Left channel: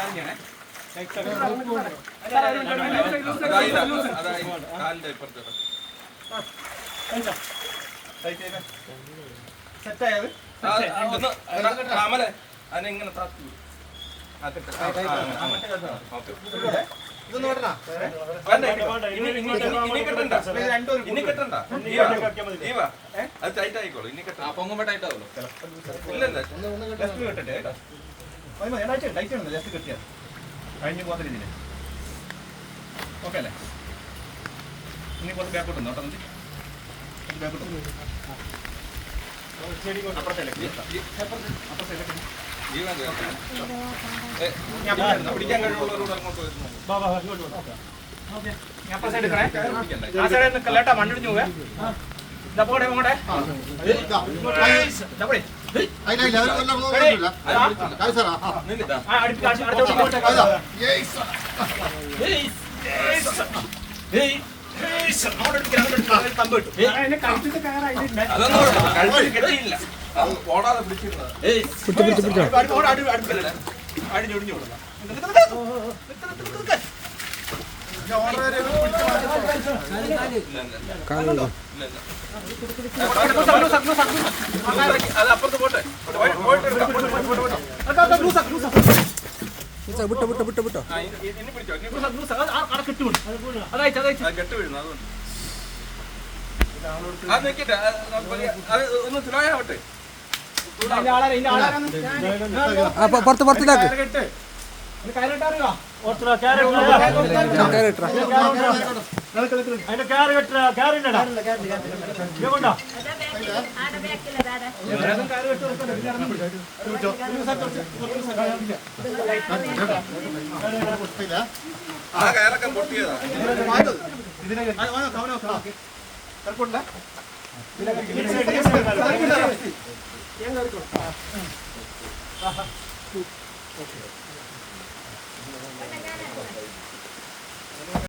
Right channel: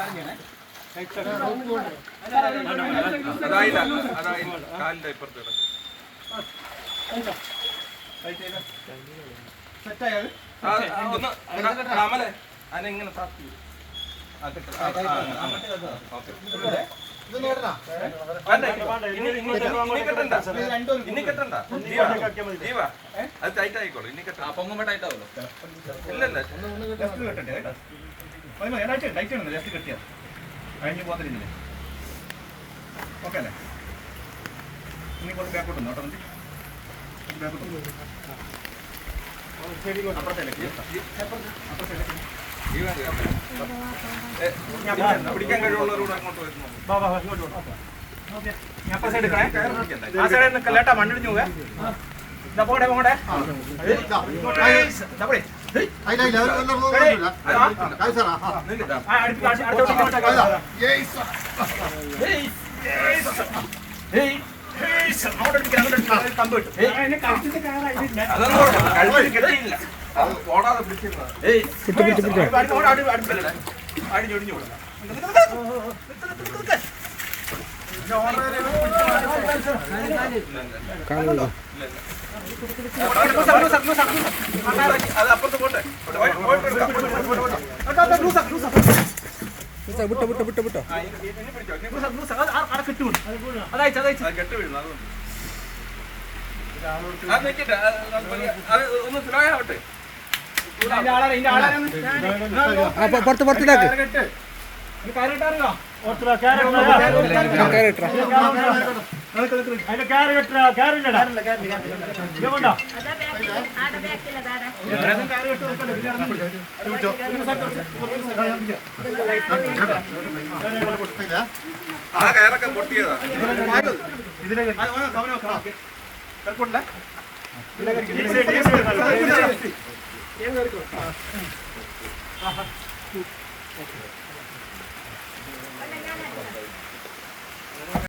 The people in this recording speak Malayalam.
അതെങ്ങനെ ആയിക്കോളൂ ഇനി പൊങ്ങുമ്പോ ടൈറ്റ് ആവുമല്ലോ. ഇല്ലല്ല ജസ്റ്റ് കിട്ടിയാൽ കഴിഞ്ഞ് പോകുന്ന രീതിയിൽ ഓക്കെ അല്ലേ? ഇനി കുറച്ച് ബാക്കോട്ടുണ്ടോ കേട്ടോ? ബാക്കോട്ട് പിടിക്കാൻ കഴിവുള്ളവരോട് അങ്ങോട്ട് വരുന്നു. മണ്ണിടിഞ്ഞു കിട്ടിയില്ല. ഓടാതെ പിടിച്ചിരുന്നത് അത് അപ്പുറത്ത് പോട്ടെ. കെട്ട് വീഴുന്നു. അതുകൊണ്ട് അത് നിൽക്കട്ടെ. അത് ഒന്ന് സ്ലോയാവട്ടെ. പുറത്തിടാക്ക് ആ കയറൊക്കെ പൊട്ടിയതാ. ഇതിനെ